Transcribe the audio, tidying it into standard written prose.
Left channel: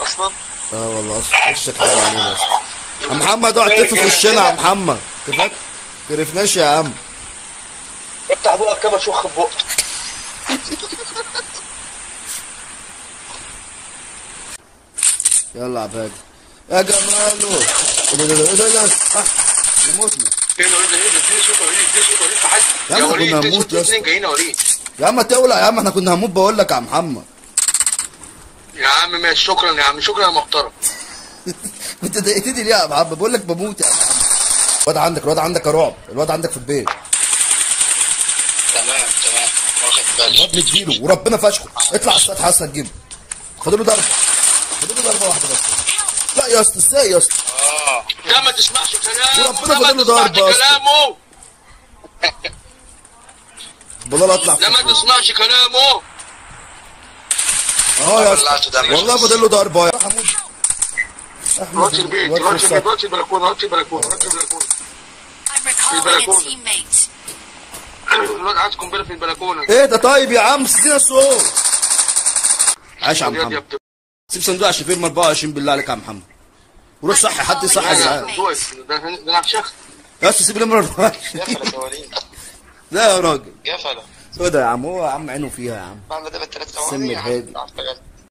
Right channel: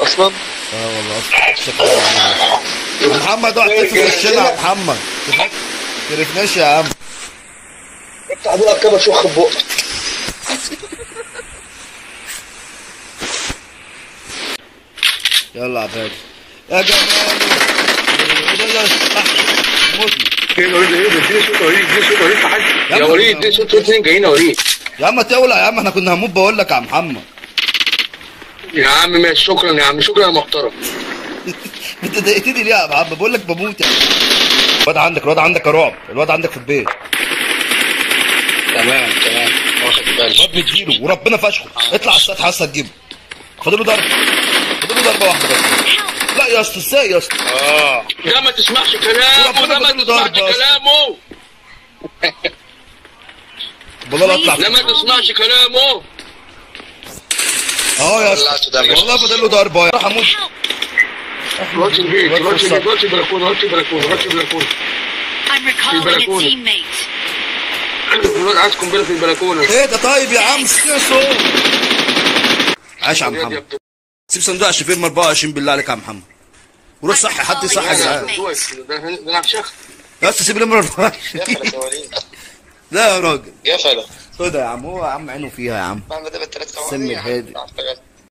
اصلا. اه والله اصلا نفسك علينا. يا محمد اوعى تلف في وشنا يا محمد. تفكرناش يا عم. افتح بقك كده شخ بقك. يلا عبادي يا جمالو. ايه ده موتنا. فين وليد؟ اديني صوت وليد، اديني صوت وليد في حد. يا عم يا احنا وليد كنا اديني هنموت صوت اثنين جايين يا وليد. يا عم تولع يا عم، احنا كنا هنموت بقول لك يا محمد. يا عم ماشي، شكرا يا عم، شكرا يا محترم. انت ضايقتني ليه يا عم؟ بقول لك بموت يا عم. الواد عندك يا رعب، الواد عندك في البيت. تمام واخد بالي. الواد مديله وربنا فشخه. اطلع على السطح هسه تجيبه. فاضل له ضربه واحده بس. لا يا اسطى ازاي يا اسطى؟ ده ما تسمعش كلامه، وربنا ده ما فاضل له ضربه تسمعش يا اسطى. كلامه. والله لا اطلع لا ما تسمعش كلامه. اهو يا اسطى والله فاضل له ضربه. راح اموت. راتش البيت، راتش البلكونه، راتش البلكونه. I'm recalling a teammate. الواد عايز قنبله في البلكونه. ايه ده طيب يا عم سيبنا الصوت. عاش يا محمد. سيب صندوق الشفير 24 بالله عليك يا محمد. وروح صحي حد يصحي يا جدعان. ده انا هفشخ. يا اسطى سيب النمره 24. يا وليد. لا يا راجل يا فلا. سودا يا عم، هو يا عم عينه فيها يا عم. بعمل ده بالثلاث سم الهادي.